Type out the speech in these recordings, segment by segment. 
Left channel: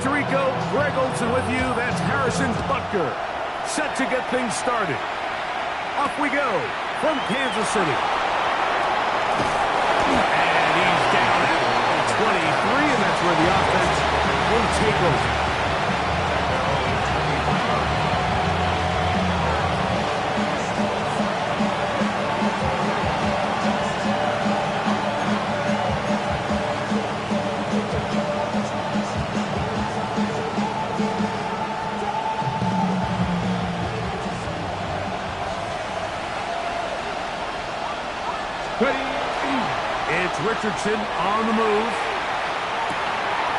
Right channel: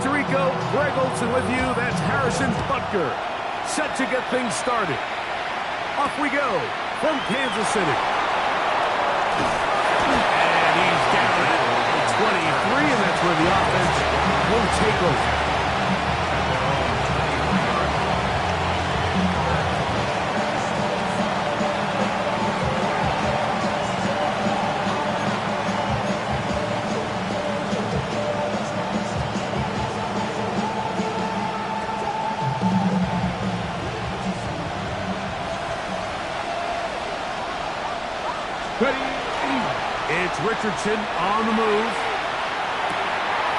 Tirico, Greg Olson with you. That's Harrison Butker. Set to get things started. Off we go from Kansas City. And he's down at 23, and that's where the offense will take over. It's Richardson on the move.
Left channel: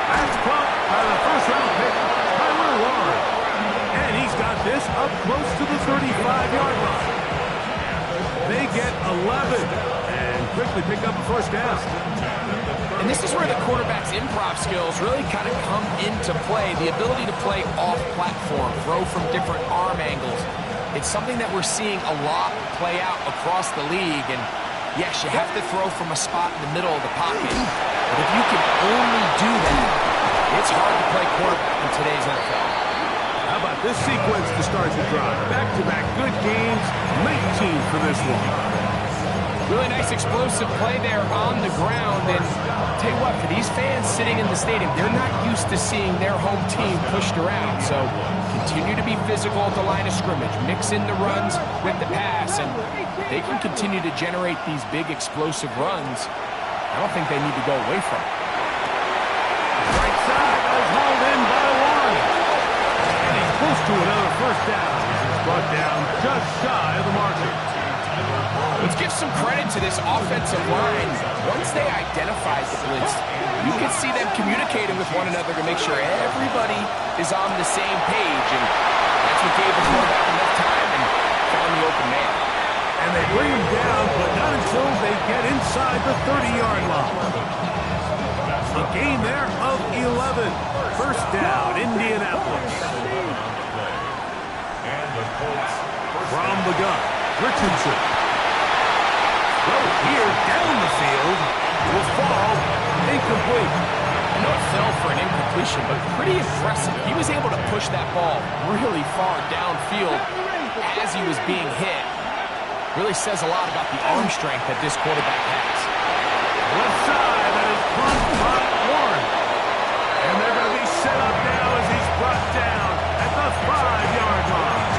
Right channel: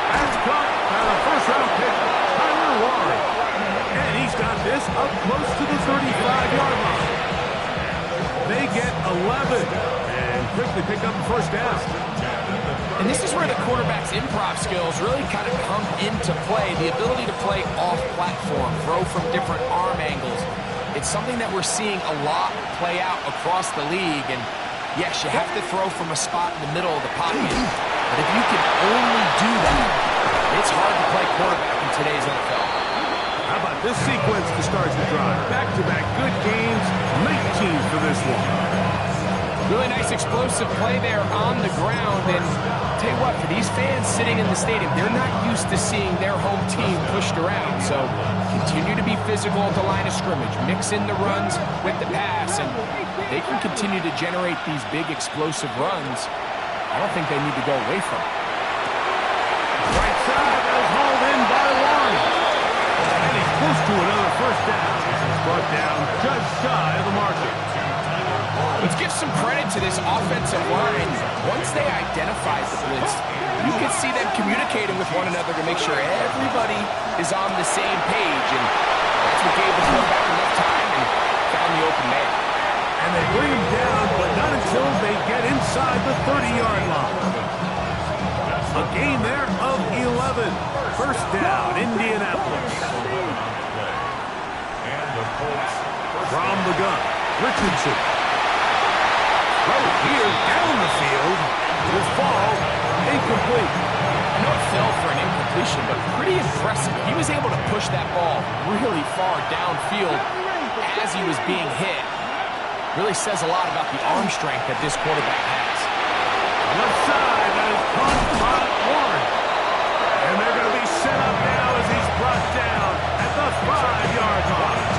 That's caught by the first-round pick, Tyler Warren. And he's got this up close to the 35-yard line. They get 11 and quickly pick up a first down. And this is where the quarterback's improv skills really kind of come into play. The ability to play off-platform, throw from different arm angles. It's something that we're seeing a lot play out across the league. And yes, you have to throw from a spot in the middle of the pocket. But if you can only do that, it's hard to play quarterback in today's NFL. How about this sequence to start the drive? Back-to-back good games, 19 for this one. Really nice explosive play there on the ground. And tell you what, for these fans sitting in the stadium, they're not used to seeing their home team pushed around. So continue to be physical at the line of scrimmage. Mix in the runs with the pass, and they can continue to generate these big explosive runs. I don't think they need to go away from it. Right side, that is hauled in by Warren. And he's close to another first down. He's brought down just shy of the marker. Let's give some credit to this offensive line. Once they identified the blitz, you can see them communicating with one another to make sure everybody is on the same page. And that's what gave the quarterback enough time and found the open man. And they bring him down, but not until they get inside the 30-yard line. A gain there of 11. First down, Indianapolis. From the gun, Richardson. Throw here down the field. Will fall incomplete. I know it fell for an incompletion, but pretty impressive. He was able to push that ball really far downfield as he was being hit. Really says a lot about the arm strength that this quarterback has. Left side, that is pumped by Warren. And they're going to be set up now as he's brought down at the 5-yard line.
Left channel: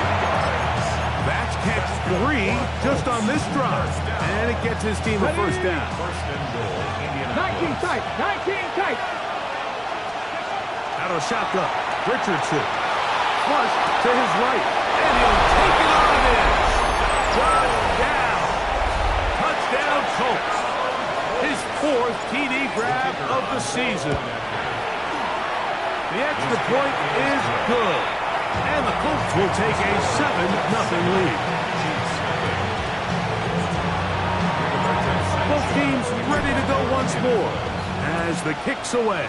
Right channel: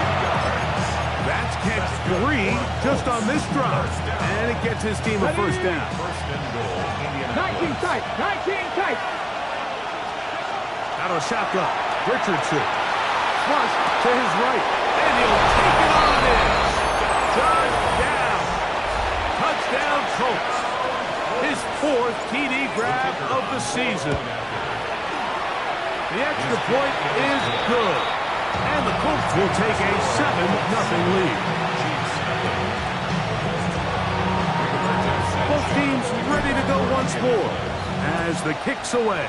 That's catch 3 just on this drive. And it gets his team a first down. 19 tight, 19 tight. Out of the shotgun, Richardson. Flush to his right. And he'll take it on in. Touchdown. Touchdown, Colts. His 4th TD grab of the season. The extra point is good. And the Colts will take a 7-0 lead. Both teams ready to go once more as the kick's away.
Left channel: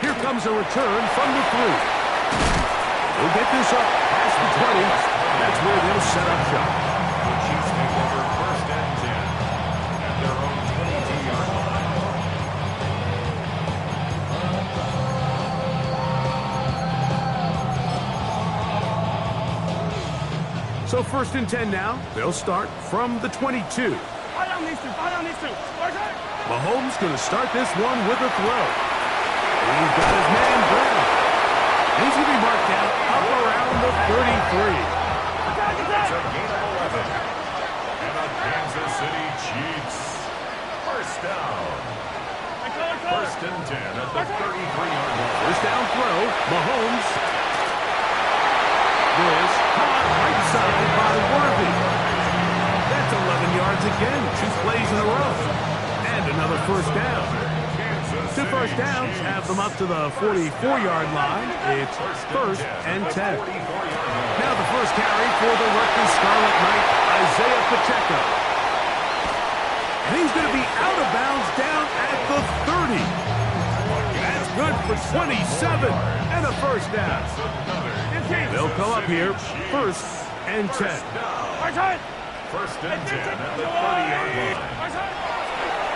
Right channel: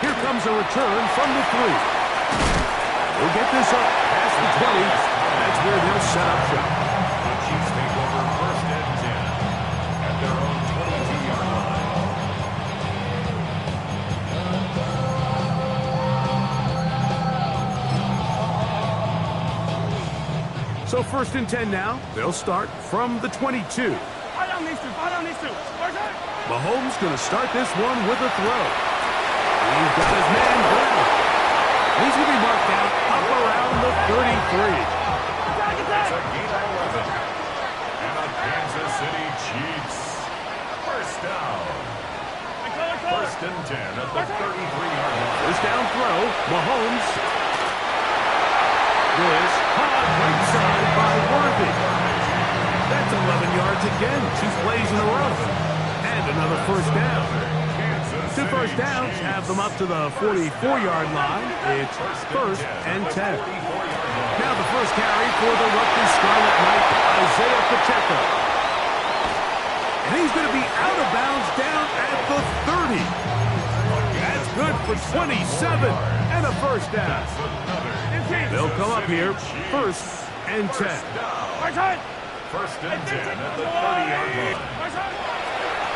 Here comes a return from the 3. He'll get this up past the 20. That's where they'll set up shop. The Chiefs take over 1st and 10 at their own 22-yard line. So 1st and 10 now. They'll start from the 22. Mahomes going to start this one with a throw. He's got his man Brown. And he's going to be marked down up around the 33. It's a gain of 11. And the Kansas City Chiefs. First down. 1st and 10 at the 33-yard line. First down throw. Mahomes. This caught right side by Worthy. That's 11 yards again. 2 plays in a row. And another first down. 2 first downs have them up to the 44-yard line. It's 1st and 10. Now the first carry for the Rutgers Scarlet Knight, Isaiah Pacheco. And he's going to be out of bounds down at the 30. That's good for 27 and a first down. They'll come up here, 1st and 10. 1st and 10 at the 30-yard line.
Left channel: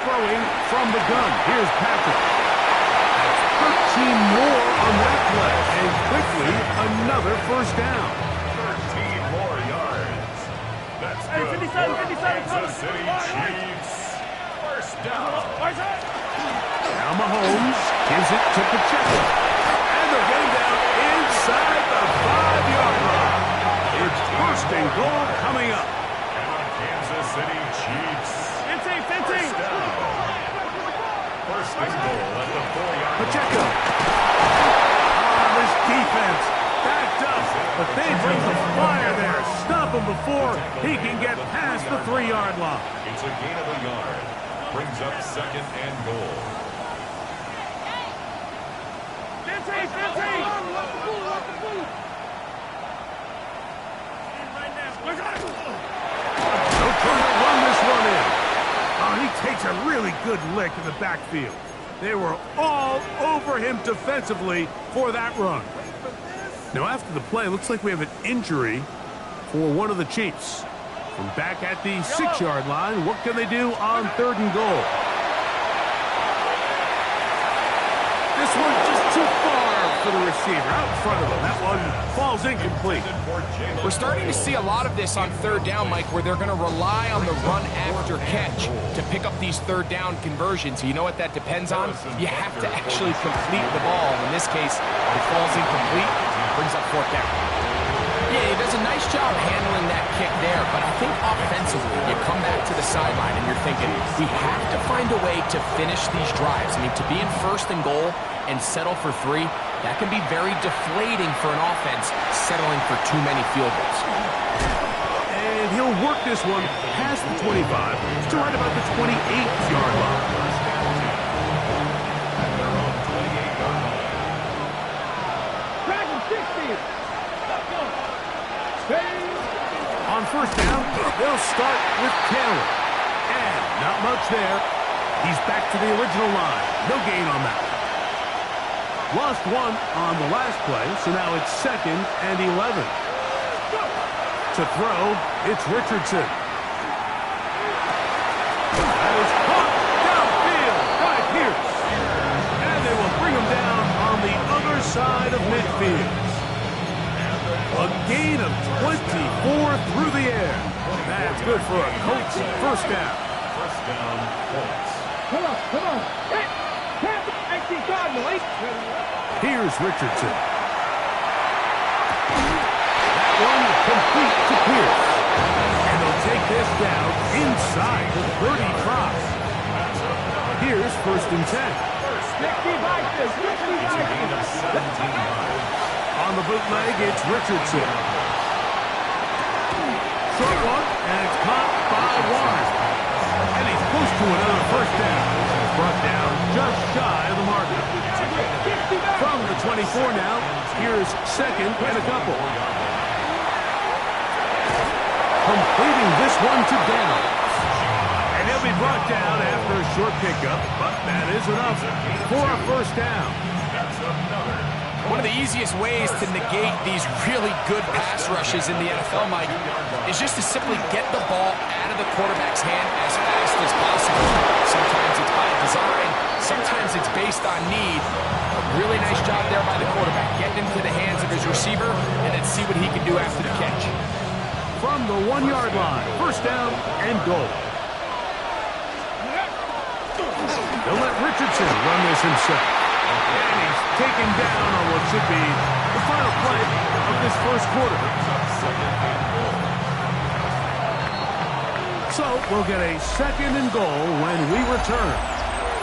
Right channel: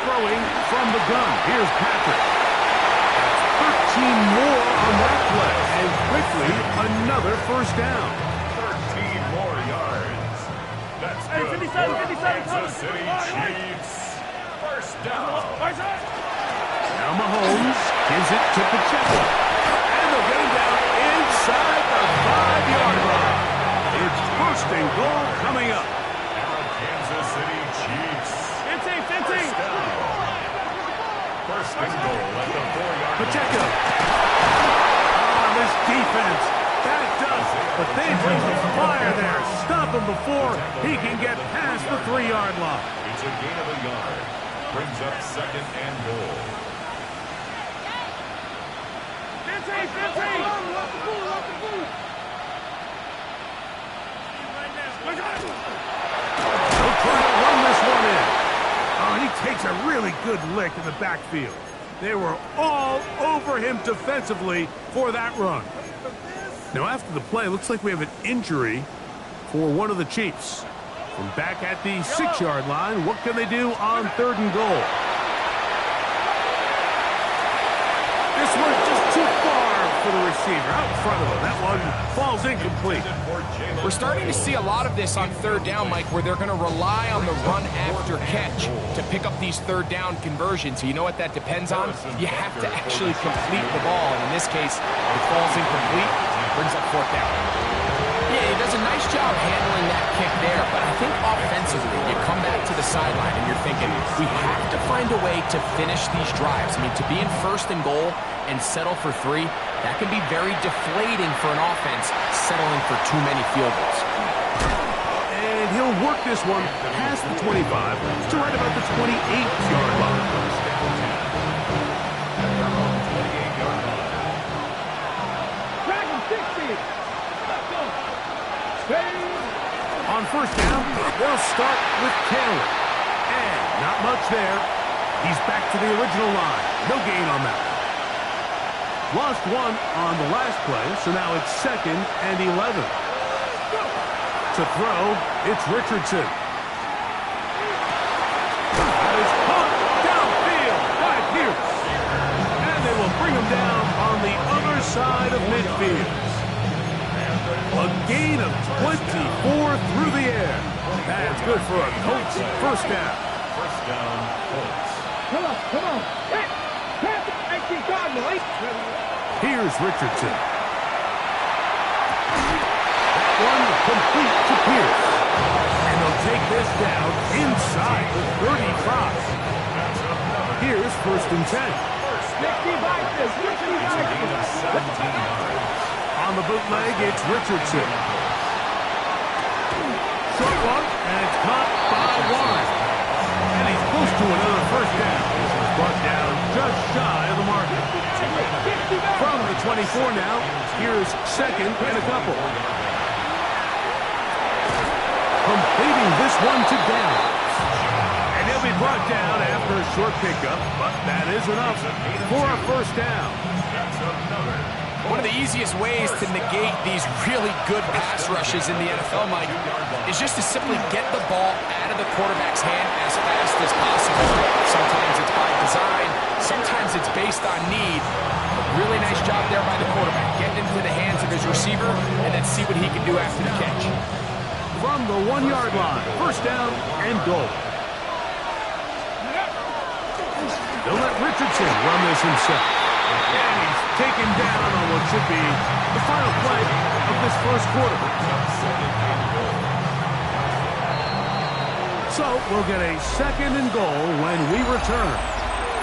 Throwing from the gun. Here's Patrick. more on that play. And quickly, another first down. 13 more yards. That's good. 57, Kansas City Chiefs. First down. Now Mahomes gives it to Pacheco. And they'll get him down inside the 5-yard line. It's first and goal coming up. And the Kansas City Chiefs. 15. First down. First and goal at the 4-yard line. Pacheco. This defense backed up, but they bring the fire there. Stop him before he can get past the 3-yard line. It's a gain of a yard. Brings up second and goal. 15. They'll try to run this one in. Oh, he takes a really good lick in the backfield. They were all over him defensively for that run. Now, after the play, looks like we have an injury for one of the Chiefs. From back at the 6-yard line, what can they do on 3rd and goal? This one's just too far for the receiver out in front of him. That one falls incomplete. We're starting to see a lot of this on 3rd down, Mike, where they're going to rely on the run after catch to pick up these 3rd down conversions. So you know what that depends on? You have to actually complete the ball. And in this case, it falls incomplete, brings up 4th down. Yeah, he does a nice job handling that kick there, but I think offensively, you come back to the sideline and you're thinking, we have to find a way to finish these drives. I mean, to be in 1st and goal and settle for 3, that can be very deflating for an offense settling for too many field goals. And he'll work this one past the 25 to right about the 28-yard line. First down 10 at their own 28-yard line. Dragon 60. Let's go. On 1st down, they'll start with Taylor. And not much there. He's back to the original line. No gain on that. Lost one on the last play, so now it's 2nd and 11. To throw, it's Richardson. That is caught downfield by Pierce. And they will bring him down on the other side of midfield. A gain of 24 through the air. That's good for a Colts first down. First down, Colts. Come on. Hey, Cardinal. Here's Richardson. That one complete to Pierce. And they'll take this down inside the 35. Here's 1st and 10. It's a gain of 17 yards. On the bootleg, it's Richardson. Short one, and it's caught by Warren. And he's close to another first down. He's brought down just shy of the marker. From the 24 now, here's 2nd and a couple. Completing this one to Downs. And he'll be brought down after a short pickup, but that is enough for a first down. That's another. One of the easiest ways to negate these really good pass rushes in the NFL, Mike, is just to simply get the ball out of the quarterback's hand as fast as possible. Sometimes it's by design, sometimes it's based on need. A really nice job there by the quarterback, getting into the hands of his receiver, and then see what he can do after the catch. From the 1-yard line, first down and goal. They'll let Richardson run this himself. And he's taken down on what should be the final play of this first quarter. So we'll get a 2nd and goal when we return.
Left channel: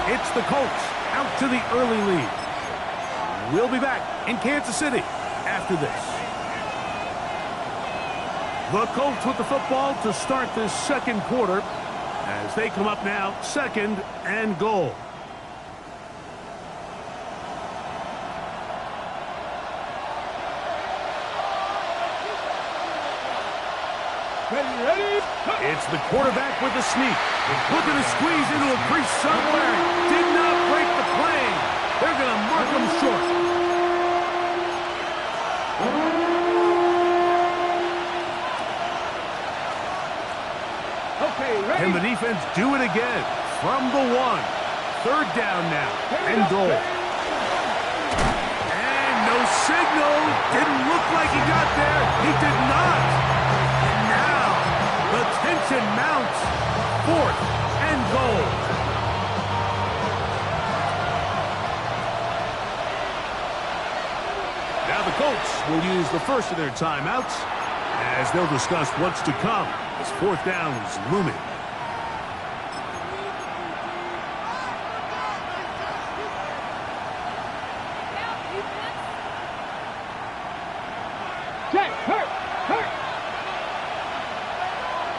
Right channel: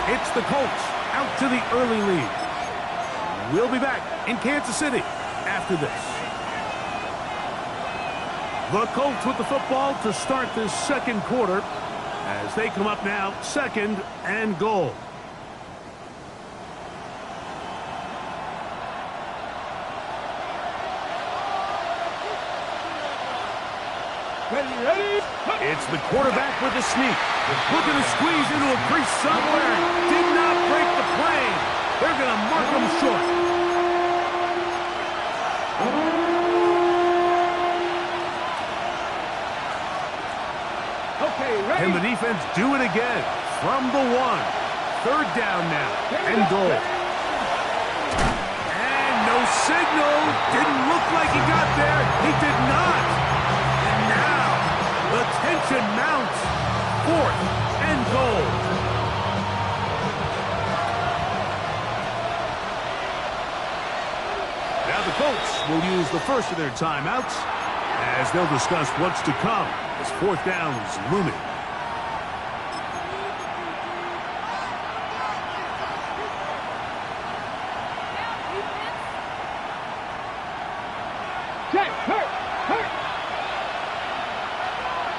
It's the Colts out to the early lead. We'll be back in Kansas City after this. The Colts with the football to start this 2nd quarter as they come up now 2nd and goal. Ready? It's the quarterback with the sneak. Looking to squeeze into a crease somewhere. Did not break the plane. They're going to mark him short. Okay, ready? Can the defense do it again? From the 1. 3rd down now and goal. signal. Didn't look like he got there. He did not. And now the tension mounts. 4th and goal. Now the Colts will use the first of their timeouts as they'll discuss what's to come as 4th down is looming. Check. Hurt.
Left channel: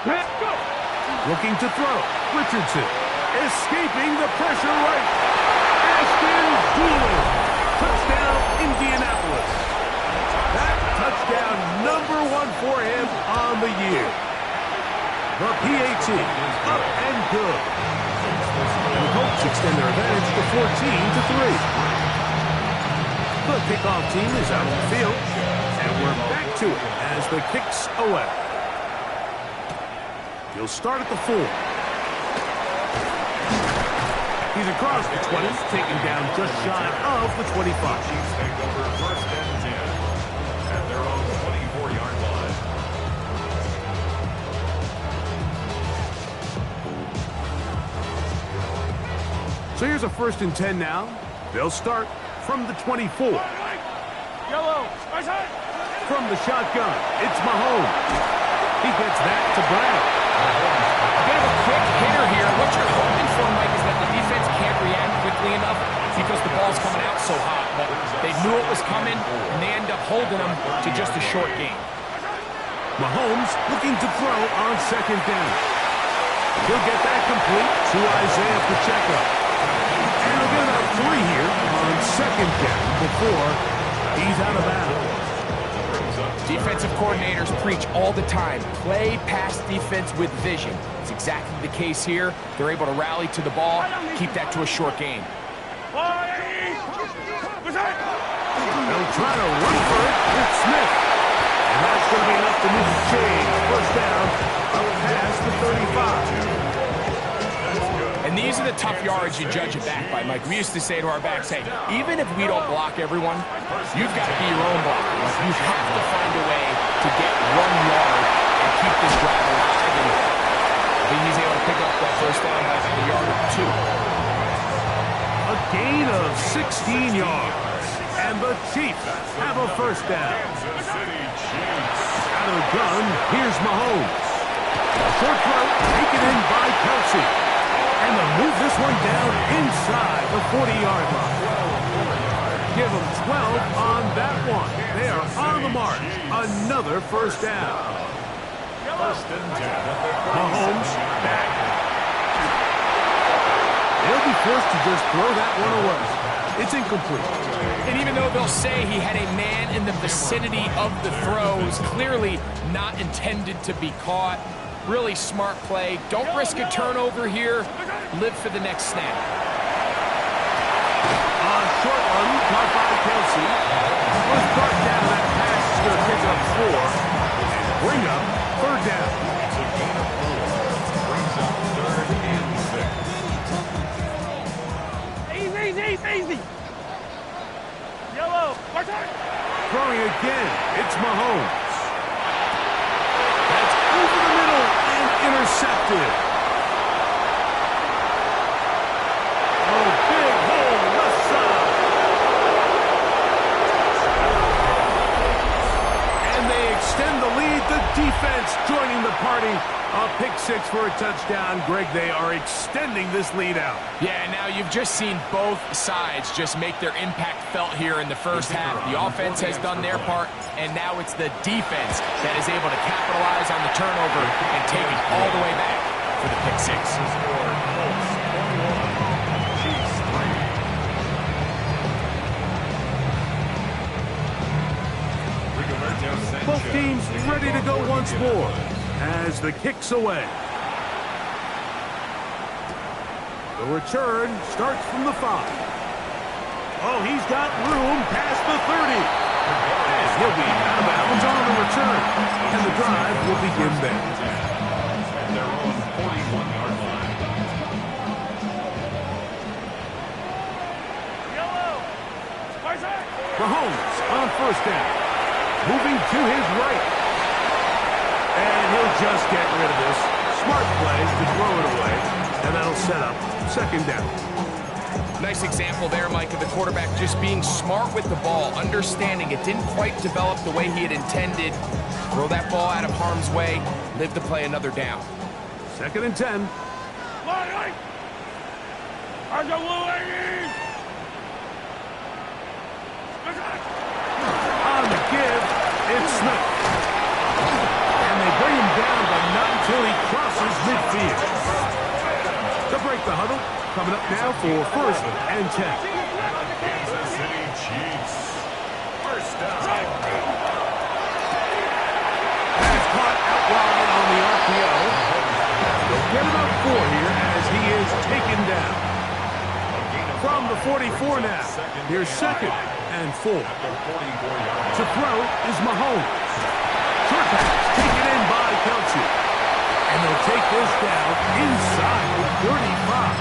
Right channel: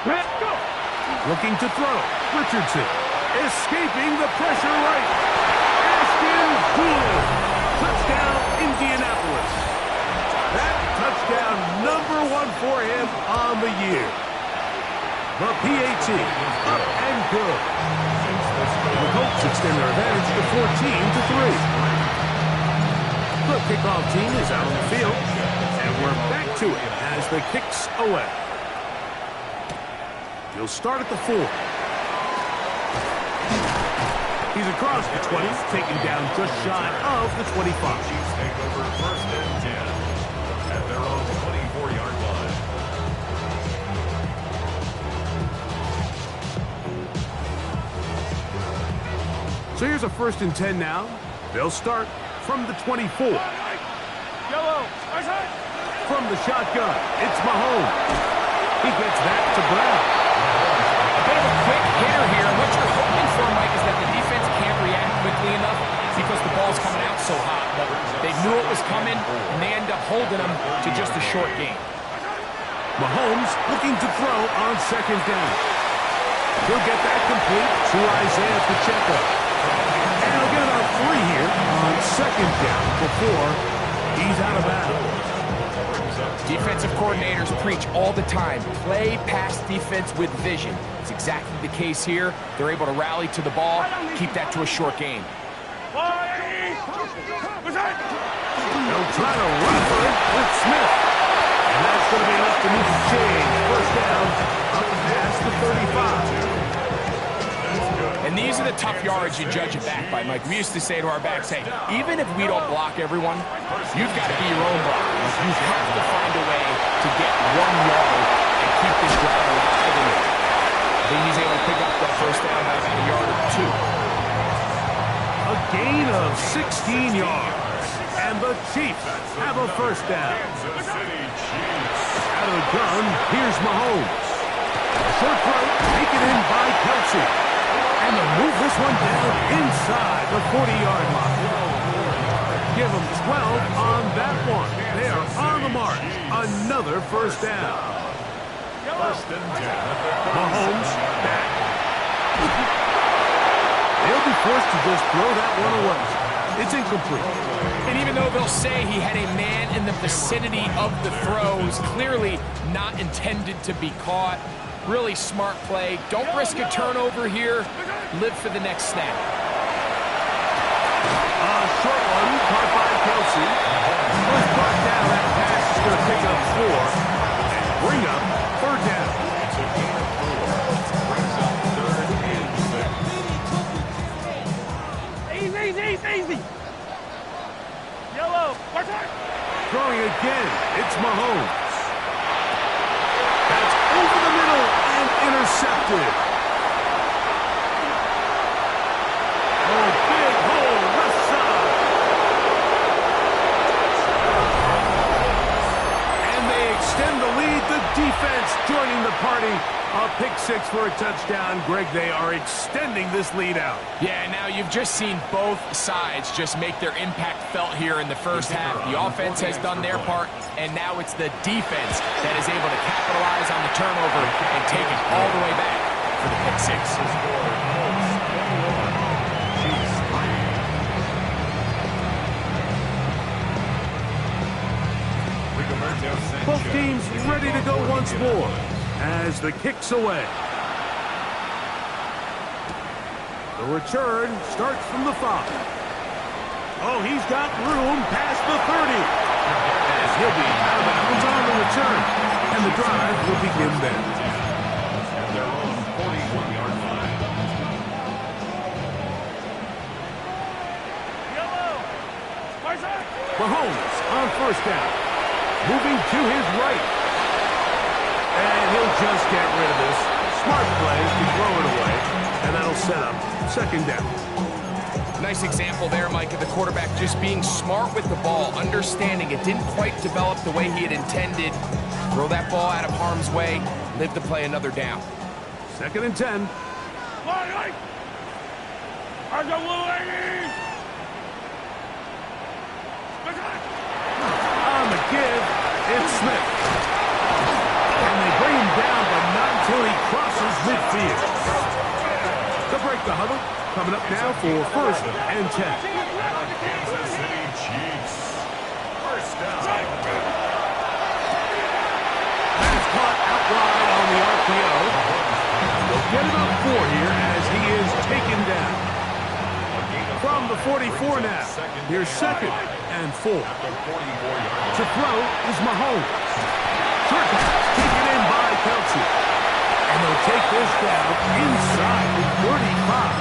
Let's go. Looking to throw. Richardson escaping the pressure right. Ashton Doolin. Touchdown, Indianapolis. That touchdown number 1 for him on the year. The PAT up and good. The Colts extend their advantage to 14-3. The kickoff team is out on the field, and we're back to it as the kick's away. He'll start at the 4. He's across the 20, taken down just shy of the 25. Chiefs take over 1st and 10 at their own 24-yard line. So here's a 1st and 10 now. They'll start from the 24. Yellow. Right side. From the shotgun, it's Mahomes. He gets that to Brown. A bit of a quick hitter here. What you're hoping for, Mike, is that the defense can't react quickly enough because the ball's coming out so hot. But they knew it was coming, and they end up holding them to just a short gain. Mahomes looking to throw on 2nd down. He'll get that complete to Isaiah Pacheco. And he'll get about 3 here on 2nd down before he's out of bounds. Defensive coordinators preach all the time, play pass defense with vision. It's exactly the case here. They're able to rally to the ball, keep that to a short gain. They'll try to run for it with Smith. And that's going to be enough to move the chains. 1st down, up past the 35. And these are the tough yards you judge it back by, Mike. We used to say to our backs, hey, even if we don't block everyone, you've got to be your own blocker. Like, you have to find a way to get 1 yard and keep this drive alive. And I think he's able to pick up that 1st down by about a yard or 2. A gain of 16 yards. And the Chiefs have a 1st down. Out of the gun, here's Mahomes. A short throw taken in by Kelsey. And they'll move this one down inside the 40-yard line. Give them 12 on that one. They are on the march. Another 1st down. 1st and 10 at the 36. Mahomes back. They'll be forced to just throw that one away. It's incomplete. And even though they'll say he had a man in the vicinity of the throws, clearly not intended to be caught. Really smart play. Don't risk a turnover here. Live for the next snap. A short one caught by Kelsey. Was brought down. That pass is going to pick up 4 and bring up 3rd down. It's a gain of 4. Brings up 3rd and 6. Easy. Yellow. Right side. Throwing again. It's Mahomes. That's over the middle and intercepted. Oh, big hole left side. And they extend the lead. The defense joining the party. A pick 6 for a touchdown. Greg, they are extending this lead out. Yeah, now you've just seen both sides just make their impact felt here in the 1st half. The offense has done their part, and now it's the defense that is able to capitalize on the turnover and take it all the way back for the pick 6. The score, Colts 21, Chiefs 3. Rigoberto Sanchez. Both teams ready to go once more as the kick's away. The return starts from the 5. Oh, he's got room past the 30. And he'll be out of bounds on the return. And the drive will begin then. At their own 41-yard line. Yellow. Right side. Mahomes on first down. Moving to his right. And he'll just get rid of this. Smart play to throw it away. And that'll set up second down. Nice example there, Mike, of the quarterback just being smart with the ball, understanding it didn't quite develop the way he had intended. Throw that ball out of harm's way, live to play another down. Second and 10. On the give, it's Smith. And they bring him down, but not until he crosses midfield. To break the huddle, coming up now for first and 10. Kansas City Chiefs. First down. That's caught out wide on the RPO. They'll get about 4 here as he is taken down. From the 44 now. Here's second and 4. To throw is Mahomes. Short pass taken in by Kelce. And they'll take this down inside the 35.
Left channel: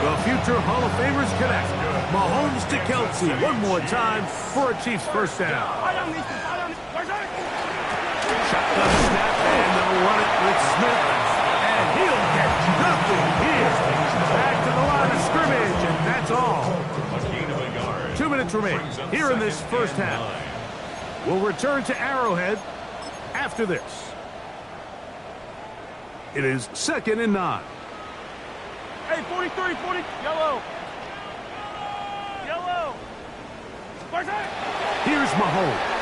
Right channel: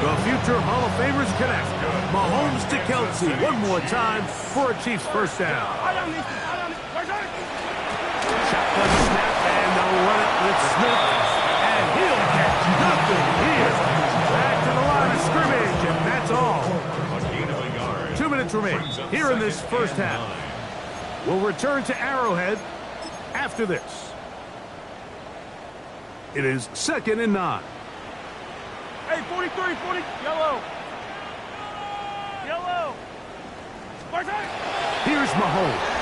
The future Hall of Famers connect. Mahomes to Kelce one more time for a Chiefs first down. Shotgun snap, and they'll run it with Smith. And he'll get nothing here. Back to the line of scrimmage, and that's all. 2 minutes remain here in this first half. We'll return to Arrowhead after this. It is second and 9. Hey, 43, 40, yellow. Yellow. Here's Mahomes.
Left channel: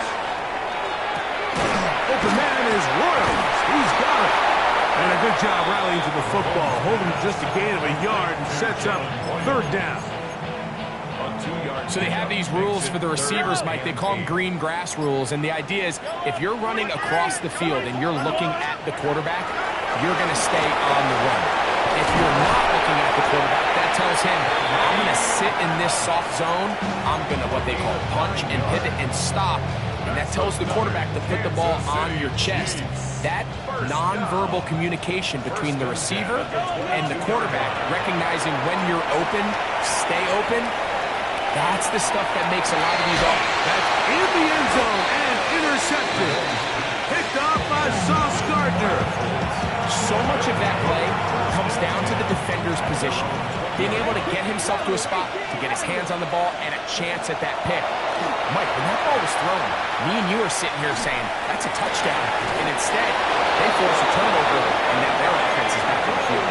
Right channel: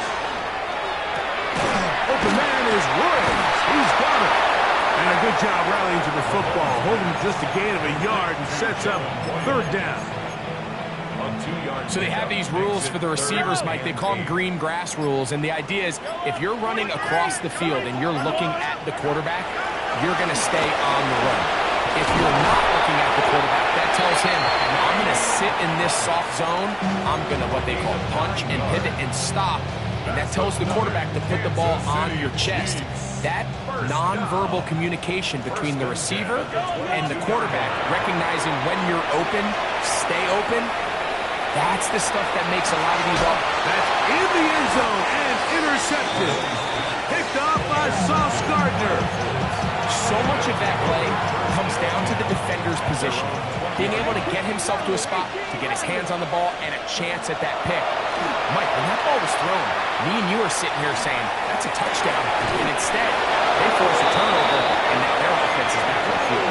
Open man is Royals. He's got it. And a good job rallying to the football. Holding just a gain of a yard and sets up third down. So they have these rules for the receivers, Mike. They call them green grass rules. And the idea is if you're running across the field and you're looking at the quarterback, you're going to stay on the run. If you're not looking at the quarterback, that tells him, I'm going to sit in this soft zone. I'm going to what they call punch and pivot and stop. And that tells the quarterback to put the ball on your chest. That nonverbal communication between the receiver and the quarterback, recognizing when you're open, stay open, that's the stuff that makes a lot of these off. That's in the end zone and intercepted. Picked off by Sauce Gardner. So much of that play comes down to the defender's position. Being able to get himself to a spot, to get his hands on the ball, and a chance at that pick. Mike, when that ball was thrown, me and you are sitting here saying, that's a touchdown. And instead, they force a turnover, and now their offense is back on the field.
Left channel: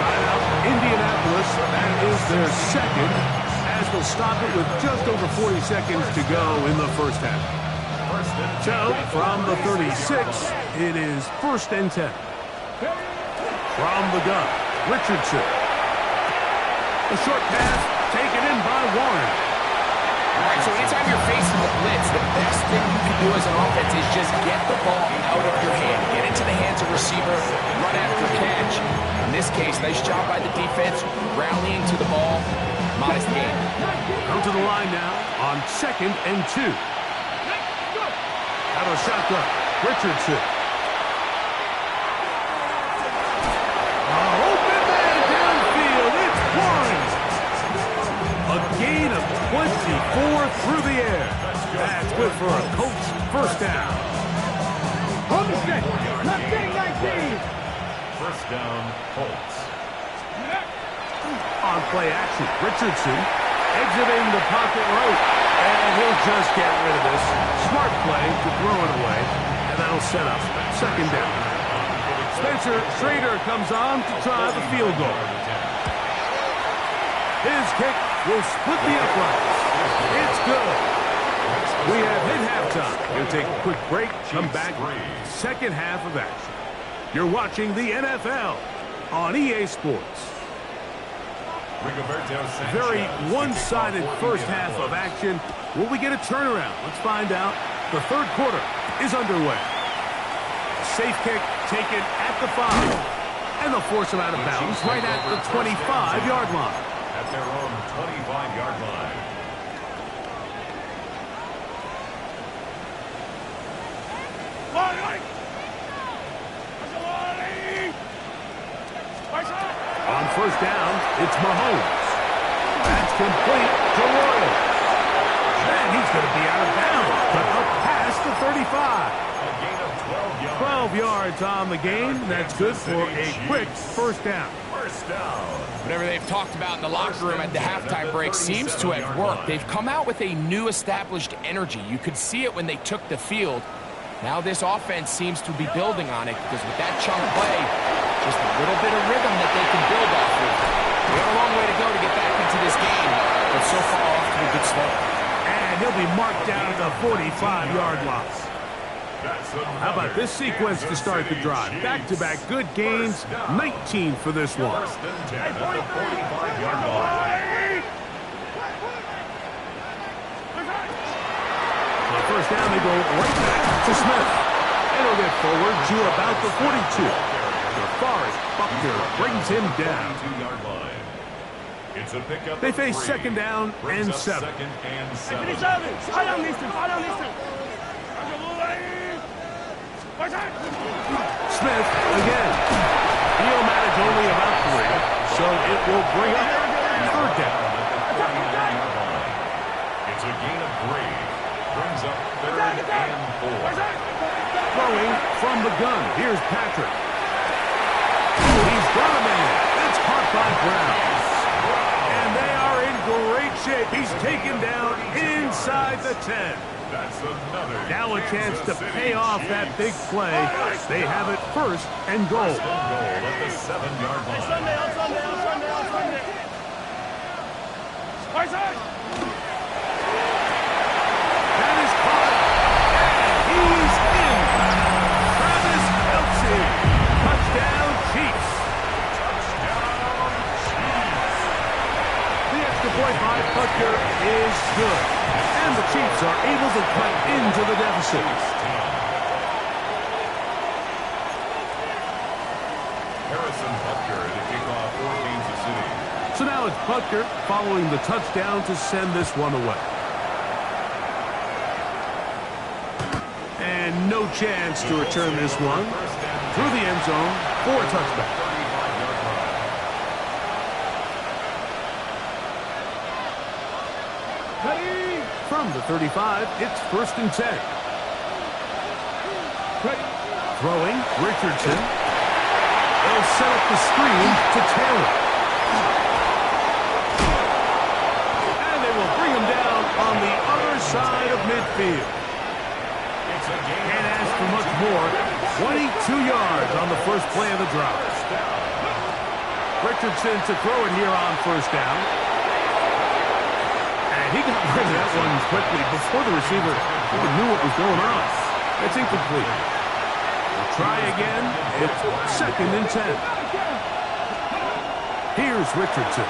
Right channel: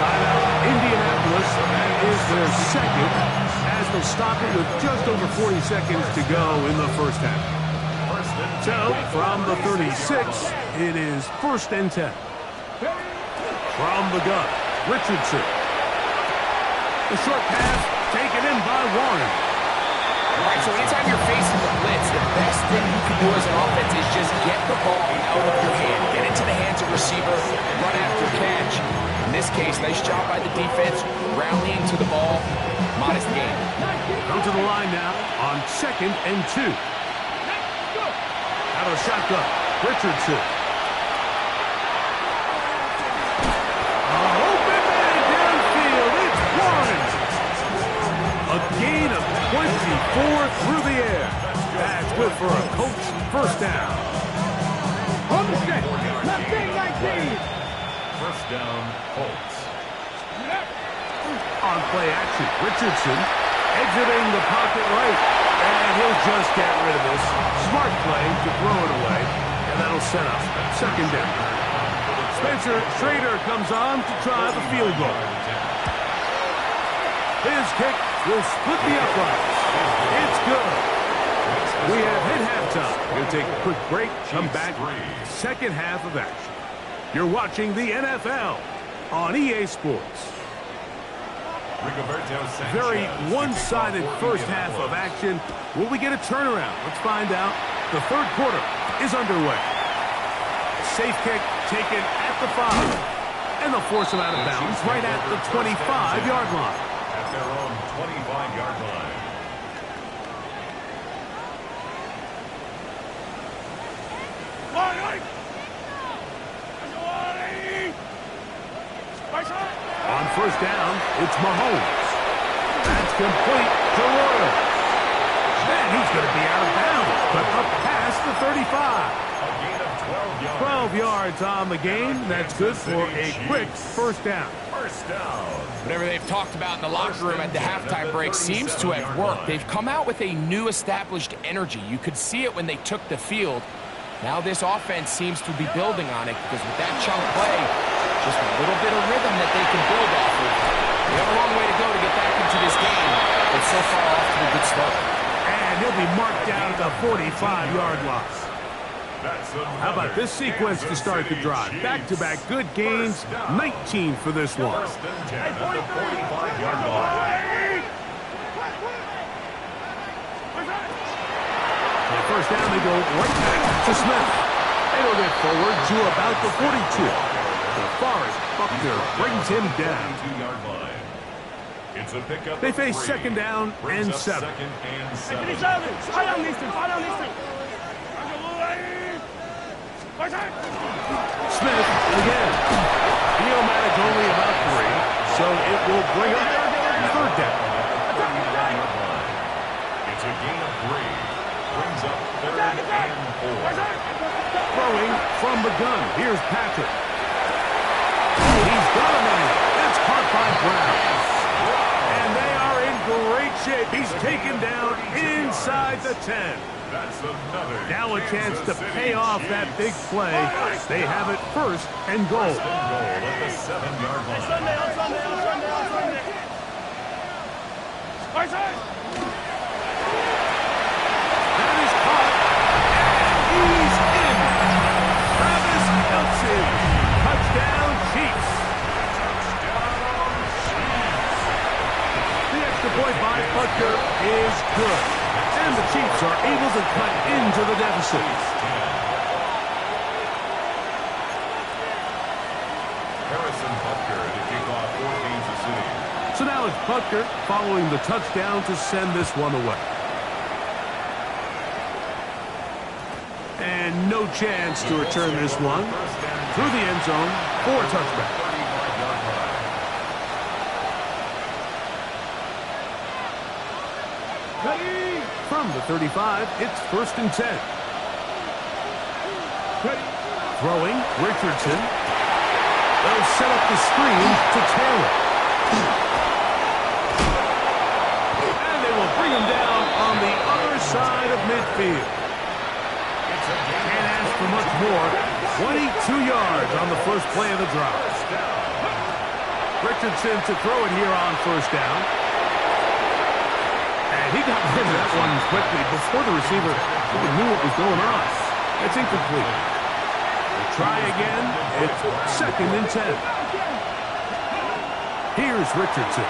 Timeout, Indianapolis. That is their second, as they'll stop it with just over 40 seconds to go in the first half. So, from the 36, it is first and 10. From the gun, Richardson. The short pass taken in by Warren. All right, so anytime you're facing the blitz, the best thing you can do as an offense is just get the ball out of your hand. Get into the hands of receiver, run after catch. In this case, nice job by the defense, rallying to the ball. Modest gain. Come to the line now on second and 2. Out of the shotgun, Richardson. Open man downfield, it's Warren. A gain of 24 through the air. That's good for a Colts first down. On the stick. Left thing 19. First down, Colts. On play action, Richardson exiting the pocket right. And he'll just get rid of this. Smart play to throw it away. And that'll set up second down. Spencer Schrader comes on to try the field goal. His kick will split the uprights. It's good. We have hit halftime. We'll take a quick break, come back, second half of action. You're watching the NFL on EA Sports. Very one-sided first half of action. Will we get a turnaround? Let's find out. The third quarter is underway. A safe kick taken at the 5. And they'll force him out of bounds right at the 25-yard line. At their own 25-yard line. On first down, it's Mahomes. That's complete to Royals. And he's going to be out of bounds, but up past the 35. A gain of 12 yards. 12 yards on the game. That's good for a quick first down. First down. Whatever they've talked about in the locker room at the halftime break seems to have worked. They've come out with a new established energy. You could see it when they took the field. Now this offense seems to be building on it because with that chunk play, just a little bit of rhythm that they can build off of. They have a long way to go to get back into this game, but so far off to a good start. And he'll be marked down at the 45-yard line. How about this sequence to start the drive? Back-to-back good gains, 19 for this one. First and 10 at the 45-yard line. On first down, they go right back to Smith. It'll get forward to about the 42. DeForest Buckner brings him down. It's a pickup. They face second down and 7. Second and 7. Smith again. He'll manage only about 3, so it will bring up third down. It's a gain of 3. Brings up third and 4. Throwing from the gun. Here's Patrick. He's got a man. That's caught by Brown. And they are in great shape. He's taken down inside the 10. That's another. Now a chance to pay off that big play. They have it first and goal. First and goal at the 7-yard line. That is caught. And he's in. Travis Kelce. Touchdown, Chiefs. Touchdown, Chiefs. The extra point by Butker is good. And the Chiefs are able to cut into the deficit. Harrison Butker to kick off for Kansas City. So now it's Butker following the touchdown to send this one away. And no chance to return this one through the end zone for a touchback. 35-yard line. From the 35, it's first and 10. Throwing, Richardson. They'll set up the screen to Taylor. And they will bring him down on the other side of midfield. Can't ask for much more. 22 yards on the first play of the drive. Richardson to throw it here on first down. And he got rid of that one quickly before the receiver even knew what was going on. That's incomplete. We'll try again. It's second and 10. Here's Richardson.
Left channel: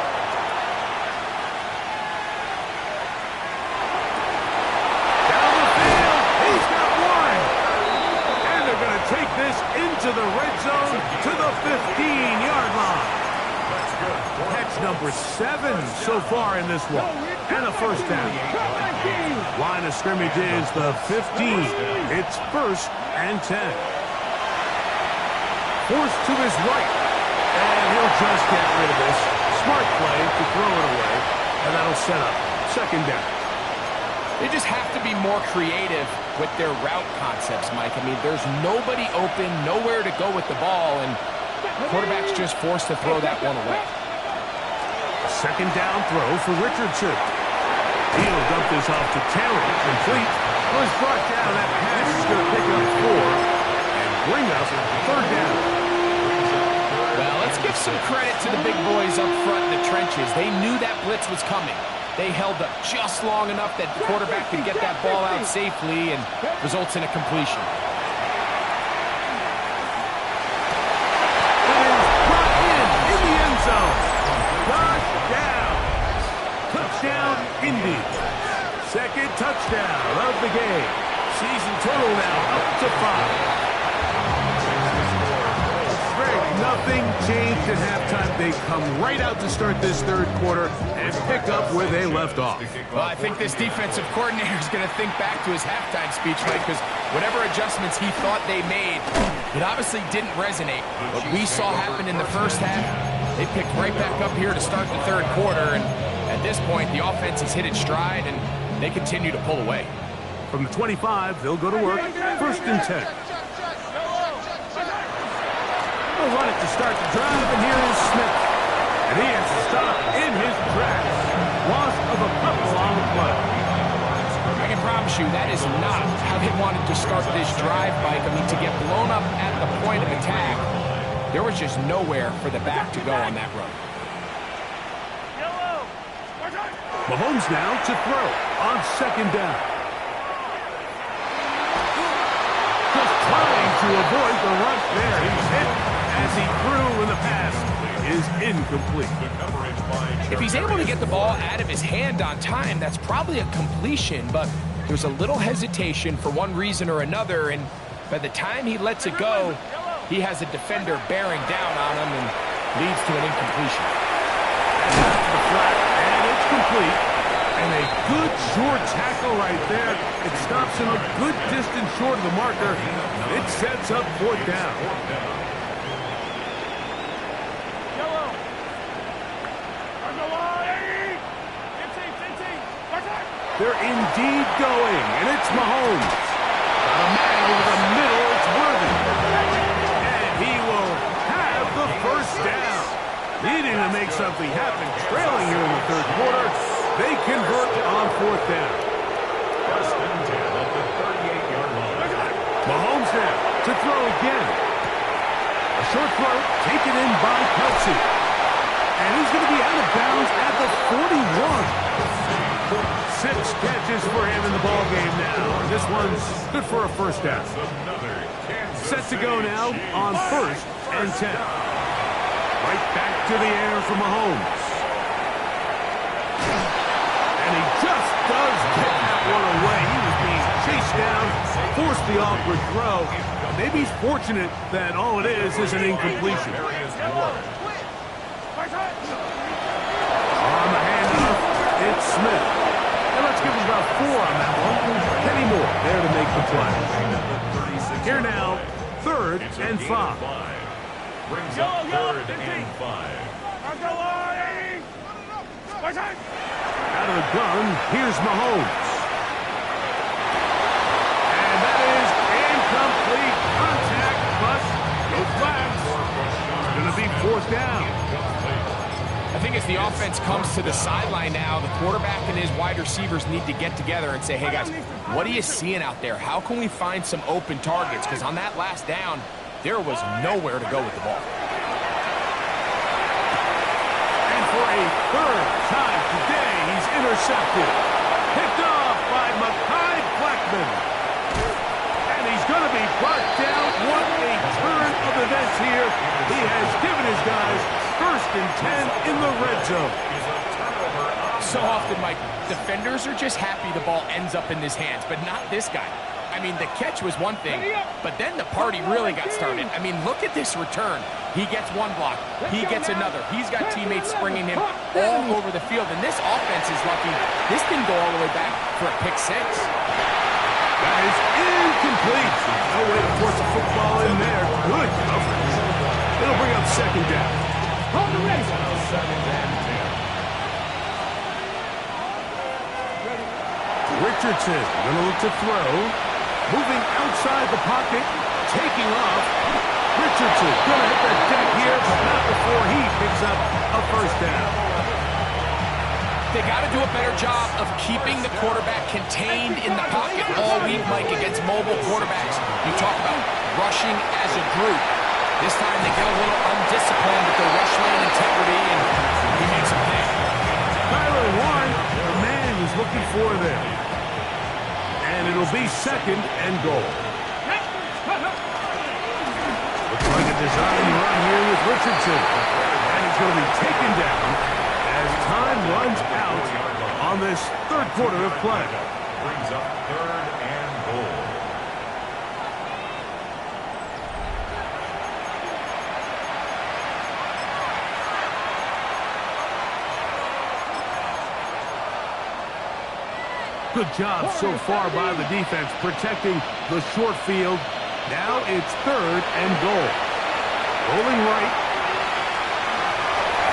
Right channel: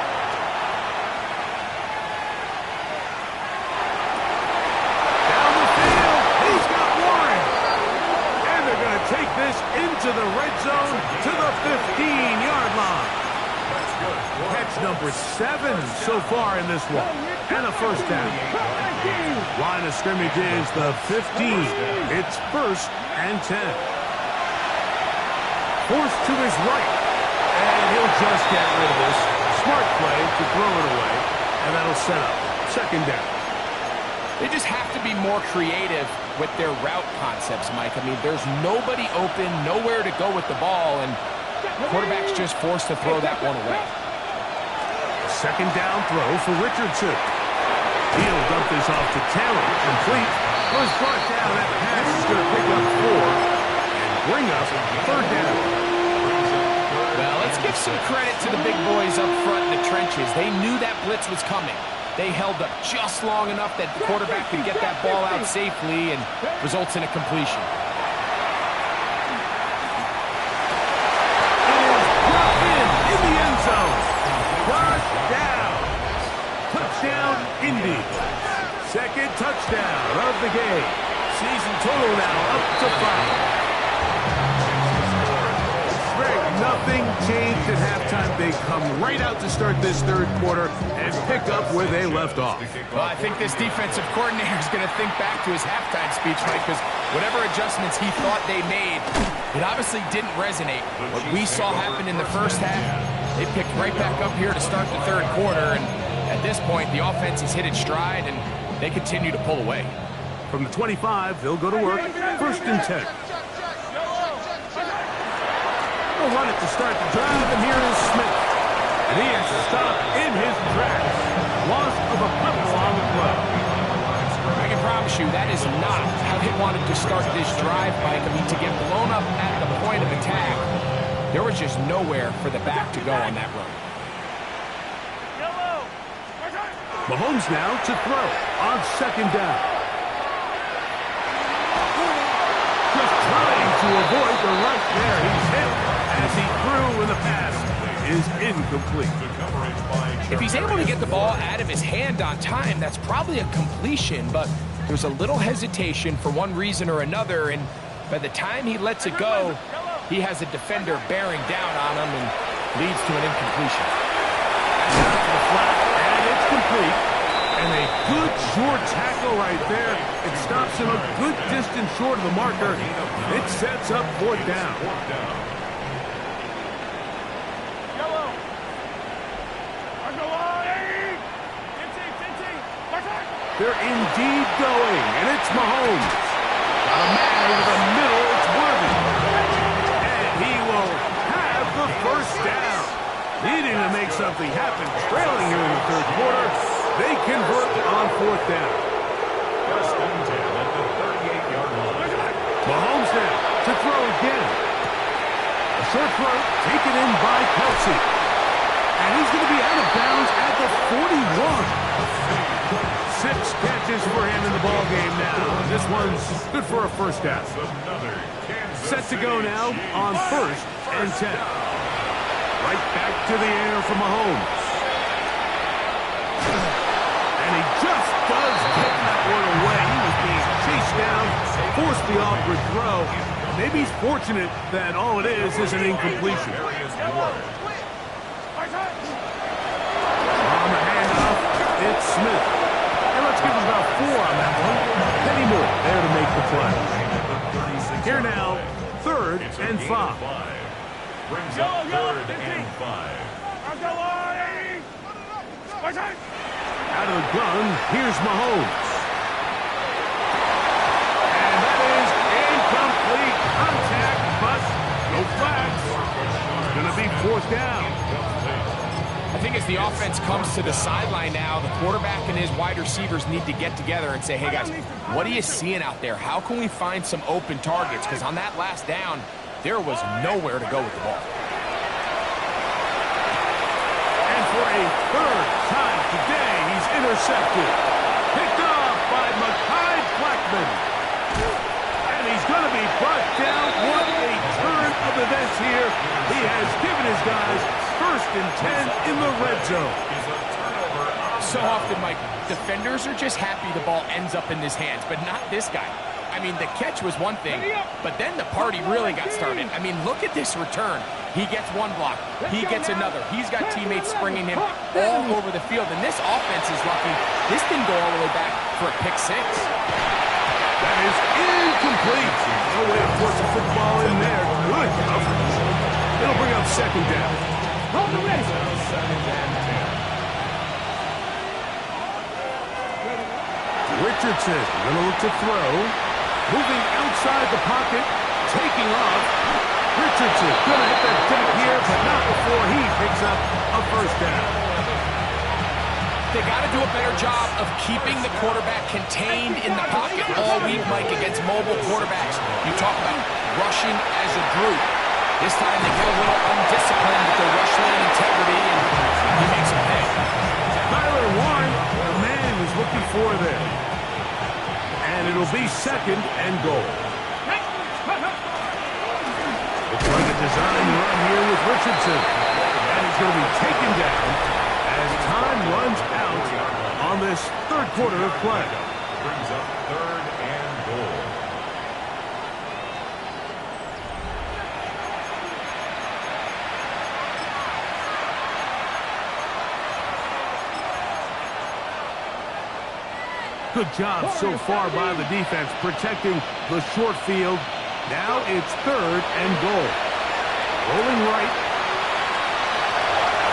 Down the field. He's got Warren. And they're going to take this into the red zone to the 15-yard line. Catch number 7 so far in this one. And a first down. Line of scrimmage is the 15. It's first and 10. Forced to his right. And he'll just get rid of this. Smart play to throw it away. And that'll set up second down. They just have to be more creative with their route concepts, Mike. I mean, there's nobody open, nowhere to go with the ball, and the quarterback's just forced to throw that one away. Second down throw for Richardson. He'll dump this off to Taylor. Complete. Was brought down. That pass is going to pick up 4 and bring up third down. Well, let's give some credit to the big boys up front in the trenches. They knew that blitz was coming. They held up just long enough that the quarterback could get that ball out safely and results in a completion. It is brought in the end zone. Touchdown. Touchdown, Indy. Second touchdown of the game. Season total now up to 5. Greg, nothing changed at halftime. They come right out to start this third quarter and pick up where they left off. Well, I think this defensive coordinator is going to think back to his halftime speech, Mike, because whatever adjustments he thought they made, it obviously didn't resonate. What we saw happen in the first half, they picked right back up here to start the third quarter, and at this point, the offense has hit its stride, and they continue to pull away. From the 25, they'll go to work. 1st and 10. They'll run it to start the drive, and here is Smith. And he has to stop in his tracks. Loss of a couple on the play. I can promise you that is not how they wanted to start this drive, Mike. I mean, to get blown up at the point of attack, there was just nowhere for the back to go on that run. Mahomes now to throw on 2nd down. Just trying to avoid the rush there. He's hit as he threw, and the pass is incomplete. If he's able to get the ball out of his hand on time, that's probably a completion, but there's a little hesitation for one reason or another, and by the time he lets it go, he has a defender bearing down on him and leads to an incompletion. And out to the flat, and it's complete. And a good short tackle right there. It stops him a good distance short of the marker. It sets up 4th down. They're indeed going, and it's Mahomes. Got a man over the middle, it's Worthy. And he will have the 1st down. Needing to make something happen, trailing here in the 3rd quarter. They convert on 4th down. 1st and 10 at the 38-yard line. Mahomes now to throw again. A short throw taken in by Kelsey. And he's going to be out of bounds at the 41. 6 catches for him in the ball game now. This one's good for a 1st down. Set to go now on 1st and 10. Right back to the air for Mahomes. And he just does get that one away. He was being chased down, forced the awkward throw. Maybe he's fortunate that all it is an incompletion. On the handoff, it's Smith. And let's give him about 4 on that one. Kenny Moore there to make the play. Here now, 3rd and 5. Brings up 3rd and 5. Out of the gun, here's Mahomes. And that is incomplete contact, but no flags. It's going to be 4th down. I think as the offense comes to the sideline now, the quarterback and his wide receivers need to get together and say, hey guys, what are you seeing out there? How can we find some open targets? Because on that last down, there was nowhere to go with the ball. And for a 3rd time today, he's intercepted. Picked off by Mekhi Blackmon. And he's going to be brought down. What a turn of events here. He has given his guys 1st and 10 in the red zone. So often, Mike, defenders are just happy the ball ends up in his hands, but not this guy. I mean, the catch was one thing, but then the party really got started. I mean, look at this return. He gets one block. He gets another. He's got teammates springing him all over the field, and this offense is lucky. This didn't go all the way back for a pick 6. That is incomplete. No way to force a football in there. Good coverage. It'll bring up 2nd down. Hold the race. 2nd and 10. Richardson going to look to throw. Moving outside the pocket. Taking off. Richardson going to hit that deck here, but not before he picks up a 1st down. They got to do a better job of keeping the quarterback contained in the pocket all week, Mike, against mobile quarterbacks. You talk about rushing as a group. This time they get a little undisciplined with their rush lane integrity, and he makes a pay. Tyler Warren, the man was looking for there. And it'll be 2nd and goal. Looks like a design run here with Richardson. And he's going to be taken down as time runs out on this 3rd quarter of play. Brings up 3rd and goal. Good job so far by the defense protecting the short field. Now it's 3rd and goal. Rolling right.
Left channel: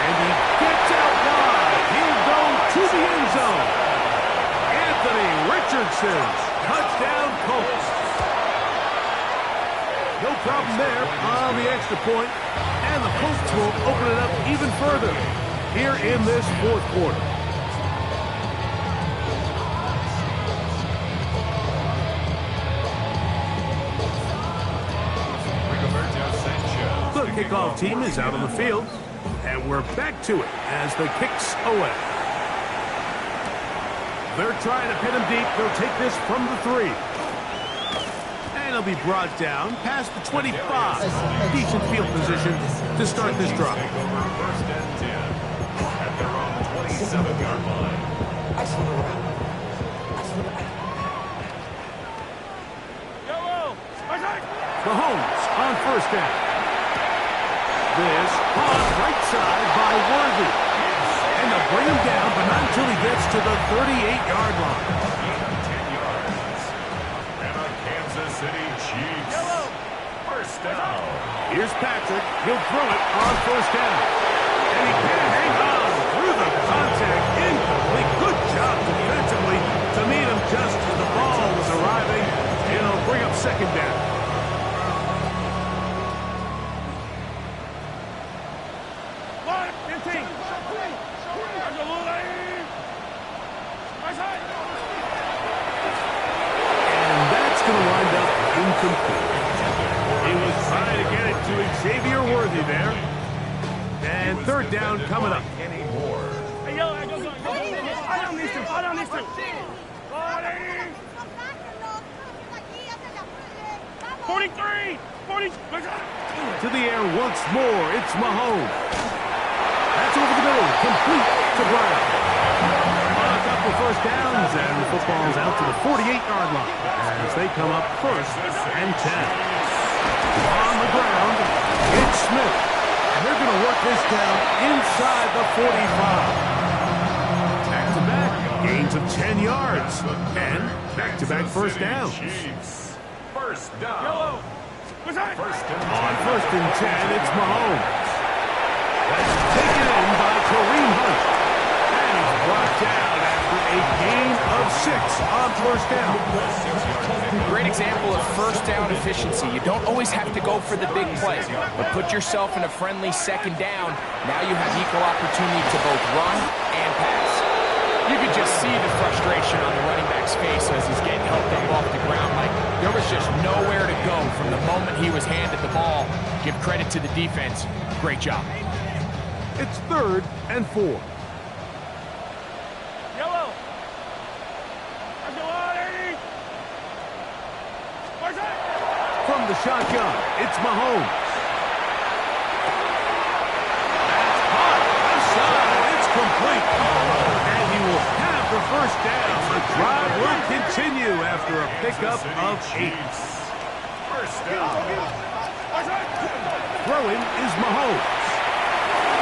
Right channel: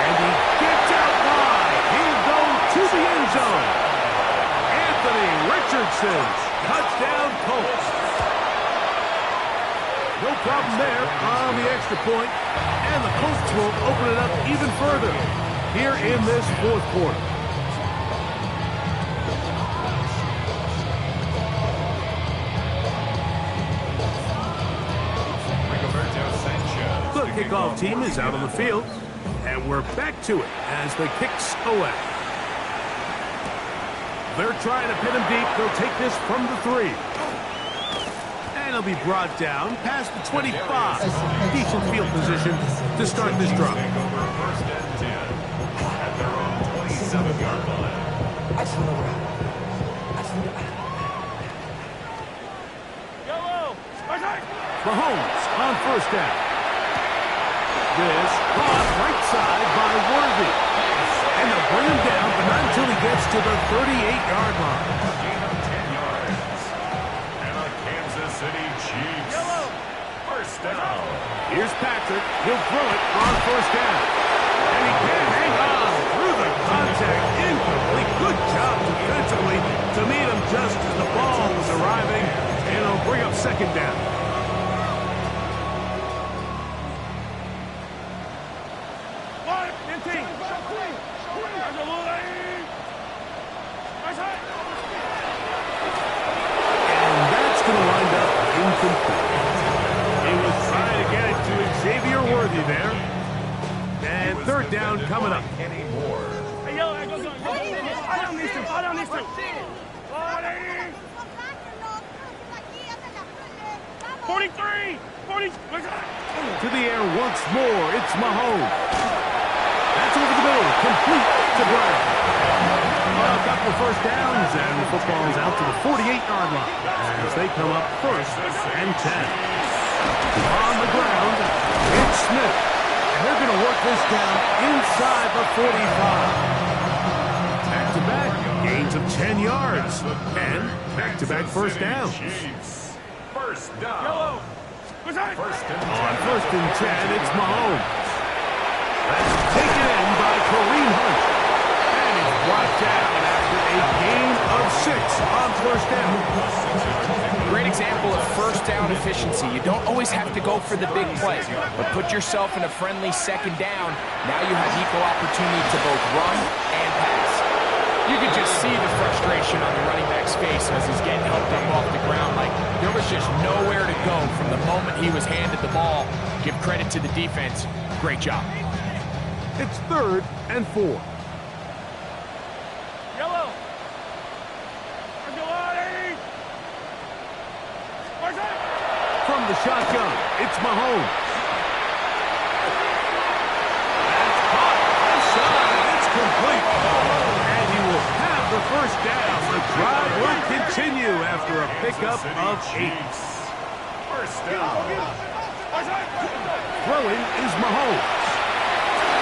And he gets out wide. He'll go to the end zone. Anthony Richardson. Touchdown, Colts. No problem there on the extra point, and the Colts will open it up even further here in this fourth quarter. The kickoff team is out on the field, and we're back to it as the kicks away. They're trying to pin him deep. They'll take this from the 3. And he'll be brought down past the 25. Decent field position to start this drive. Take over first and 10 at their own 27-yard line. Mahomes on first down. This caught right side by Worthy. And they'll bring him down, but not until he gets to the 38-yard line. Gain of 10 yards. And a Kansas City Chiefs. First down. Here's Patrick. He'll throw it on first down. And he can't hang on through the contact. Incomplete. Good job defensively to meet him just as the ball was arriving. And it'll bring up second down. And that's going to wind up incomplete. He was trying to get it to Xavier Worthy there. And third down coming up. Kenny Moore. Hey, yo, go. I don't need to. 43. 40. To the air once more. It's Mahomes. That's over the middle. Complete to Brown. A couple first downs, and the football's out to the 48-yard line as they come up first and 10. On the ground, it's Smith. And they're going to work this down inside the 45. Back-to-back gains of 10 yards. And back-to-back first downs. First down. On first and 10, it's Mahomes. That's taken in by Kareem Hunt. And he's brought down after a gain of 6 on first down. Great example of first down efficiency. You don't always have to go for the big play, but put yourself in a friendly second down. Now you have equal opportunity to both run and pass. You could just see the frustration on the running back's face as he's getting helped up off the ground. Like there was just nowhere to go from the moment he was handed the ball. Give credit to the defense. Great job. It's third and 4. Yellow. From the shotgun, it's Mahomes. That's caught. Left side. It's complete. And he will have the first down. The drive will continue after a pickup of 8. First down. Throwing is Mahomes.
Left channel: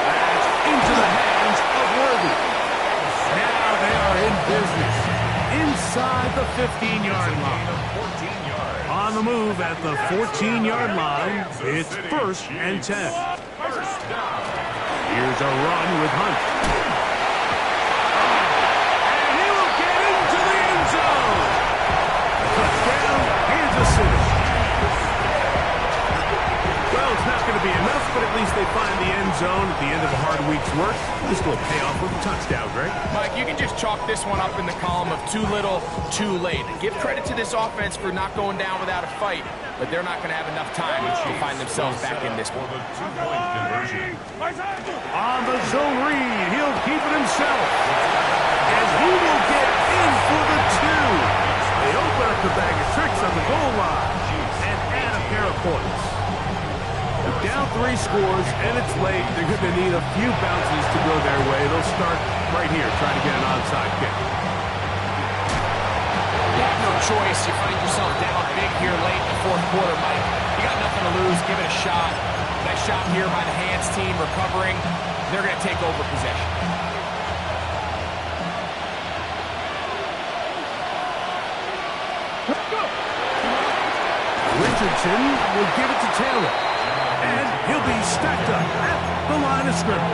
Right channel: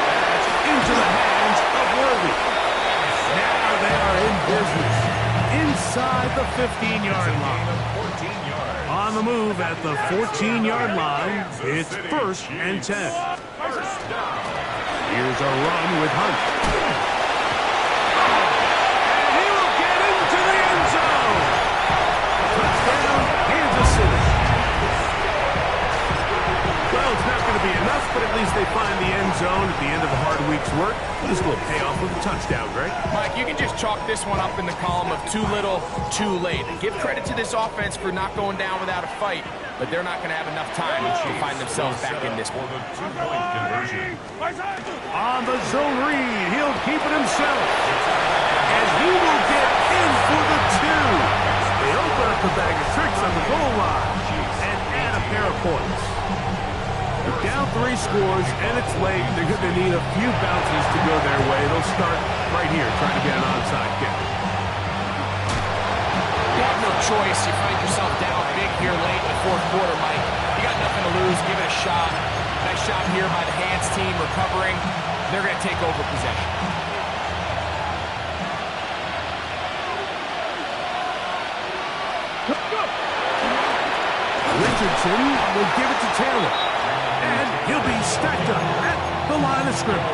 That's into the hands of Worthy. Now they are in business. Inside the 15-yard line. 14 yards. On the move at the 14-yard line, it's first and 10. First down. Here's a run with Hunt. And he will get into the end zone. Touchdown, Kansas City. Well, it's not going to be enough, but at least they find the end zone at the end of a hard week's work. This will pay off with a touchdown, Greg. Mike, you can just chalk this one up in the column of too little, too late. Give credit to this offense for not going down without a fight, but they're not going to have enough time to find themselves back in this one. For the 2-point conversion. On the zone read, he'll keep it himself. And he will get in for the 2. They open up the bag of tricks on the goal line and add a pair of points. They're down 3 scores, and it's late. They're going to need a few bounces to go their way. They'll start right here trying to get an onside kick. You have no choice. You find yourself down big here late in the fourth quarter, Mike. You got nothing to lose. Give it a shot. Nice shot here by the Hands team recovering. They're going to take over possession. Richardson will give it to Taylor. And he'll be stacked up at the line of scrimmage.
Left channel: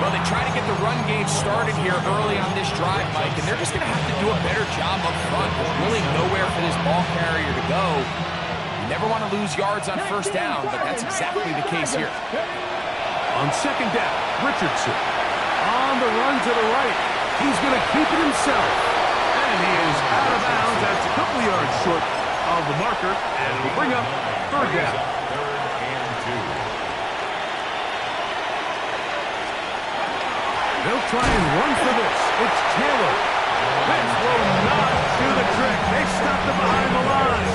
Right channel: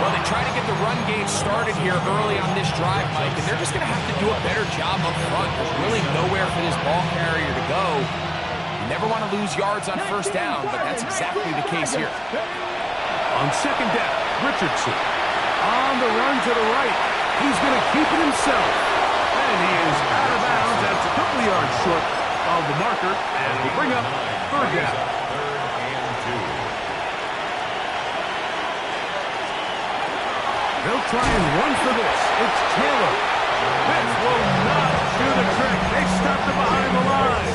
Well, they try to get the run game started here early on this drive, Mike, and they're just going to have to do a better job up front. There's really nowhere for this ball carrier to go. You never want to lose yards on first down, but that's exactly the case here. On second down, Richardson on the run to the right. He's going to keep it himself. And he is out of bounds. That's a couple of yards short of the marker, and it'll bring up third down. They'll try and run for this. It's Taylor. This will not do the trick. They stopped it behind the line.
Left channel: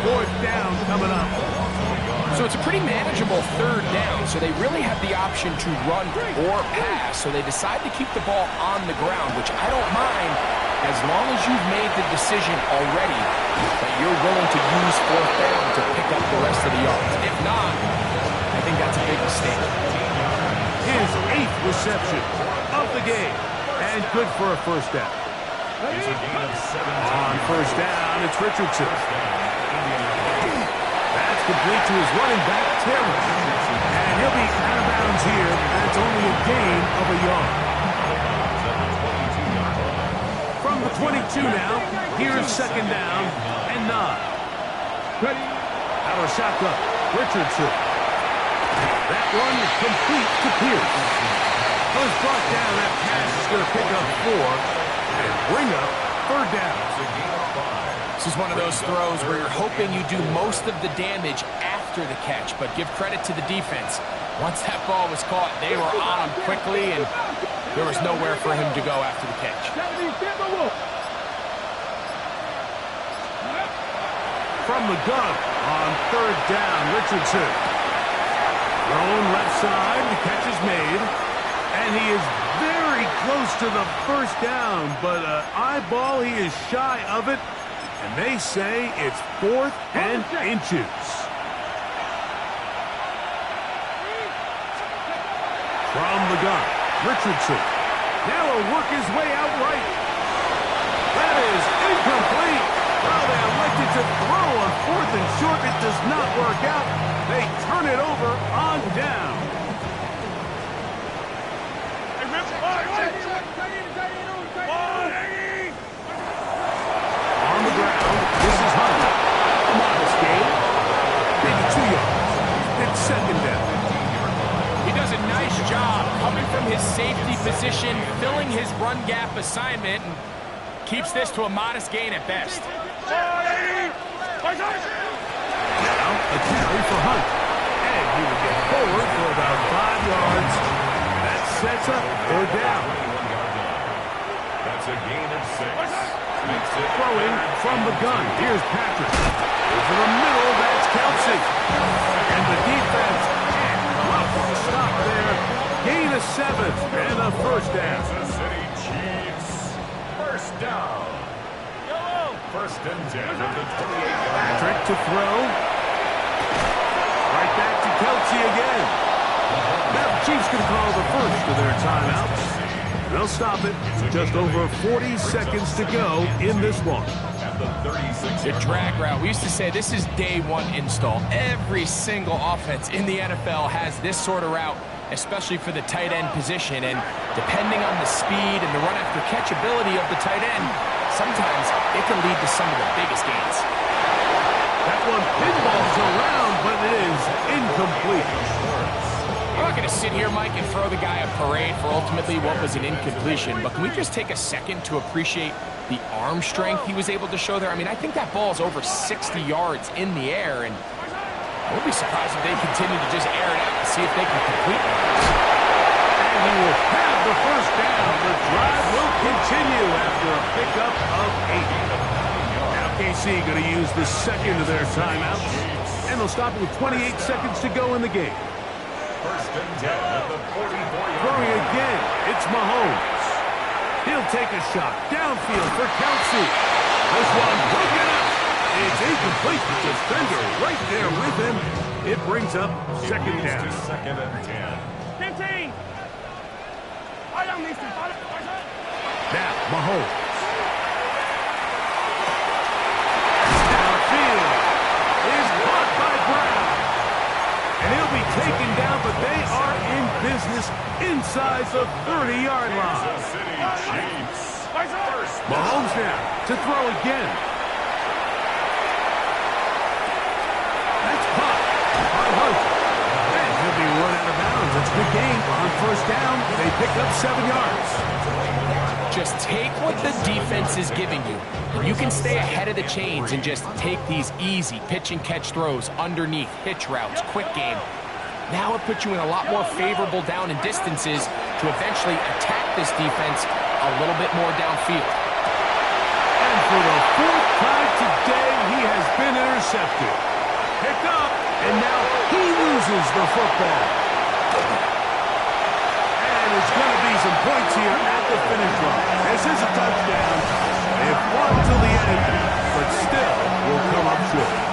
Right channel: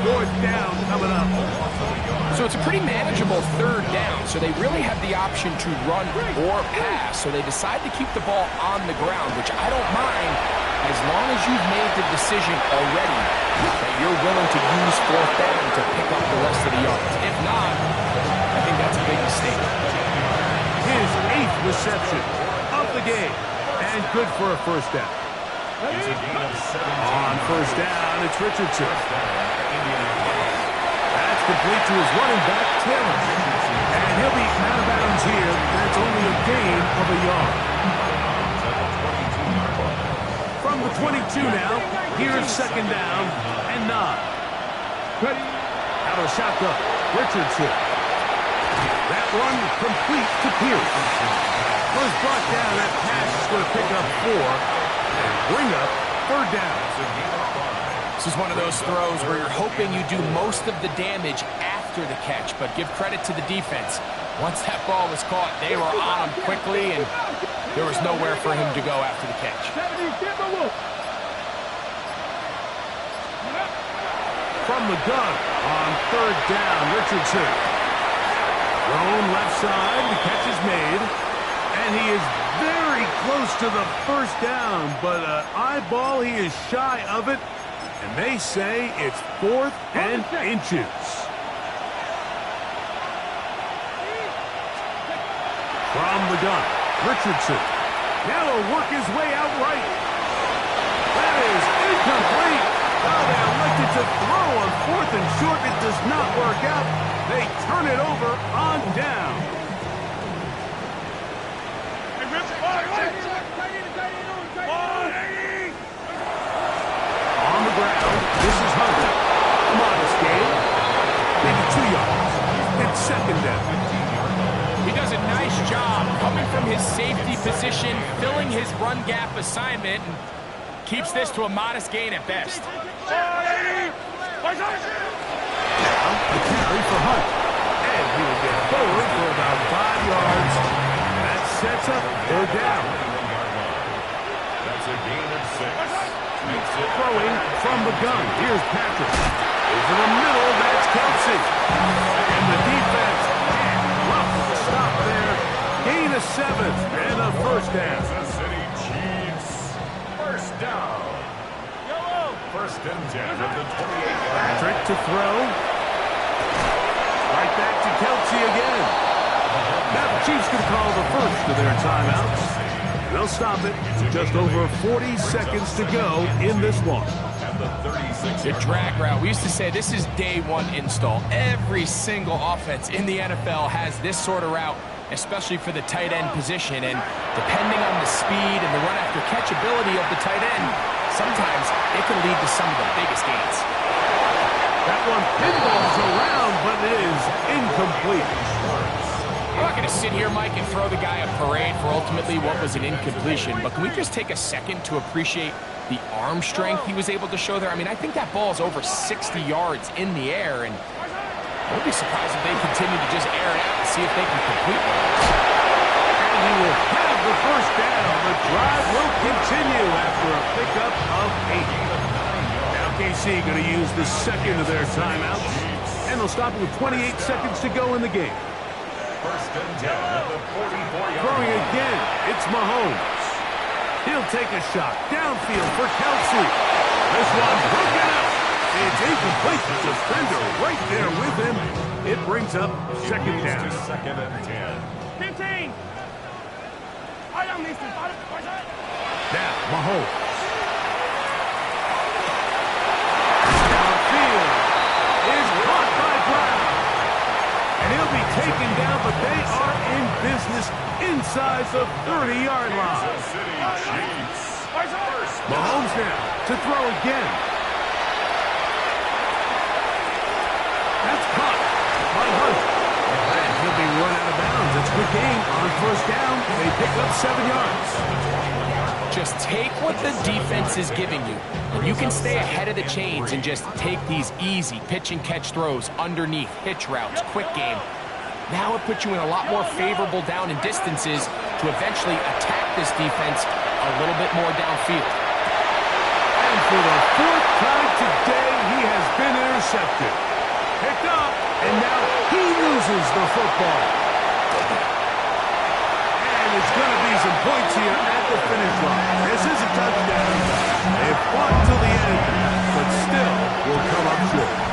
Fourth down coming up. So it's a pretty manageable third down, so they really have the option to run or pass, so they decide to keep the ball on the ground, which I don't mind as long as you've made the decision already that you're willing to use fourth down to pick up the rest of the yards. If not, I think that's a big mistake. His 8th reception of the game, and good for a first down. It's a gain of 17. On first down, it's Richardson. That's complete to his running back, Taylor. And he'll be out of bounds here. That's only a gain of a yard. At the 22-yard line. From the 22 now, here's second down and 9. Out of shotgun, Richardson. That one complete to Pierce. Was brought down. That pass is going to pick up 4 and bring up third down. It's a gain of 5. This is one of those throws where you're hoping you do most of the damage after the catch, but give credit to the defense. Once that ball was caught, they were on him quickly, and there was nowhere for him to go after the catch. From the gun on third down, Richardson. Thrown left side, the catch is made, and he is very close to the first down, but eyeball, he is shy of it, and they say it's 4th and inches. From the gun, Richardson. Now he'll work his way out right. That is incomplete. Well, they elected to throw on 4th and short. It does not work out. They turn it over on down. On the ground, this is Hunter. A modest gain. Maybe 2 yards. It's second down. He does a nice job coming from his safety position, filling his run gap assignment, and keeps this to a modest gain at best. Now, a carry for Hunt. And he will get forward for about 5 yards. That sets up third down. 21-yard line. That's a gain of 6. Makes it Throwing from the gun. Here's Patrick. Over the middle, that's Kelsey. And the defense can't come up with a stop there. Gain of 7 and a first down. Kansas City Chiefs. First down. First and 10 at the 28-yard line. Patrick to throw. Right back to Kelsey again. Now the Chiefs going to call the first of their timeouts. They'll stop it. Just over 40 seconds to go in this one. At the 36-yard The drag route. We used to say this is day one install. Every single offense in the NFL has this sort of route, especially for the tight end position. And depending on the speed and the run after catch ability of the tight end, sometimes it can lead to some of the biggest gains. That one pinballs around, but it is incomplete. I'm not going to sit here, Mike, and throw the guy a parade for ultimately what was an incompletion, but can we just take a second to appreciate the arm strength he was able to show there? I mean, I think that ball is over 60 yards in the air, and I would be surprised if they continue to just air it out and see if they can complete one. And he will have the first down. The drive will continue after a pickup of 8. Now KC going to use the second of their timeouts, and they'll stop it with 28 seconds to go in the game. First and 10 at the 44-yard Throwing line. again, it's Mahomes. He'll take a shot downfield for Kelsey. This one broken up. It's incomplete. The defender right there with him. It brings up second down. Second and 10. 15. Now, Mahomes. Downfield is caught by Brown. And he'll be taken down, but they are in business inside the 30-yard line. Kansas City Chiefs. First down. Mahomes now to throw again. That's caught by Hunt. And he'll be run out of bounds. It's a good game on first down. They pick up 7 yards. Just take what the defense is giving you. And you can stay ahead of the chains and just take these easy pitch and catch throws underneath, hitch routes, quick game. Now it puts you in a lot more favorable down and distances to eventually attack this defense a little bit more downfield. And for the 4th time today, he has been intercepted. Picked up, and now he loses the football. And it's going to be some points here at the finish line. This is a touchdown. They've fought till the end, but still will come up short.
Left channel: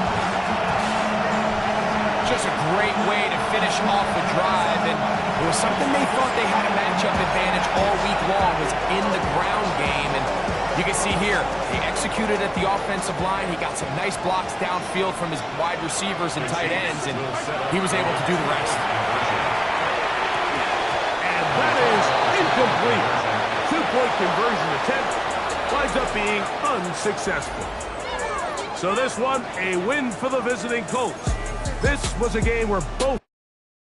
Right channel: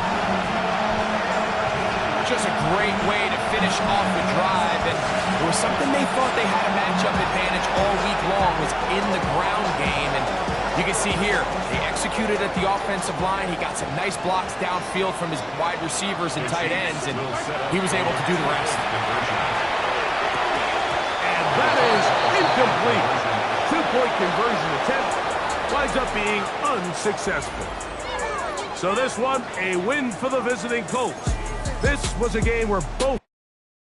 Just a great way to finish off the drive, and it was something they thought they had a matchup advantage all week long, was in the ground game, and you can see here, they executed at the offensive line. He got some nice blocks downfield from his wide receivers and tight ends, and he was able to do the rest. And that is incomplete. 2-point conversion attempt winds up being unsuccessful. So this one, a win for the visiting Colts. This was a game where both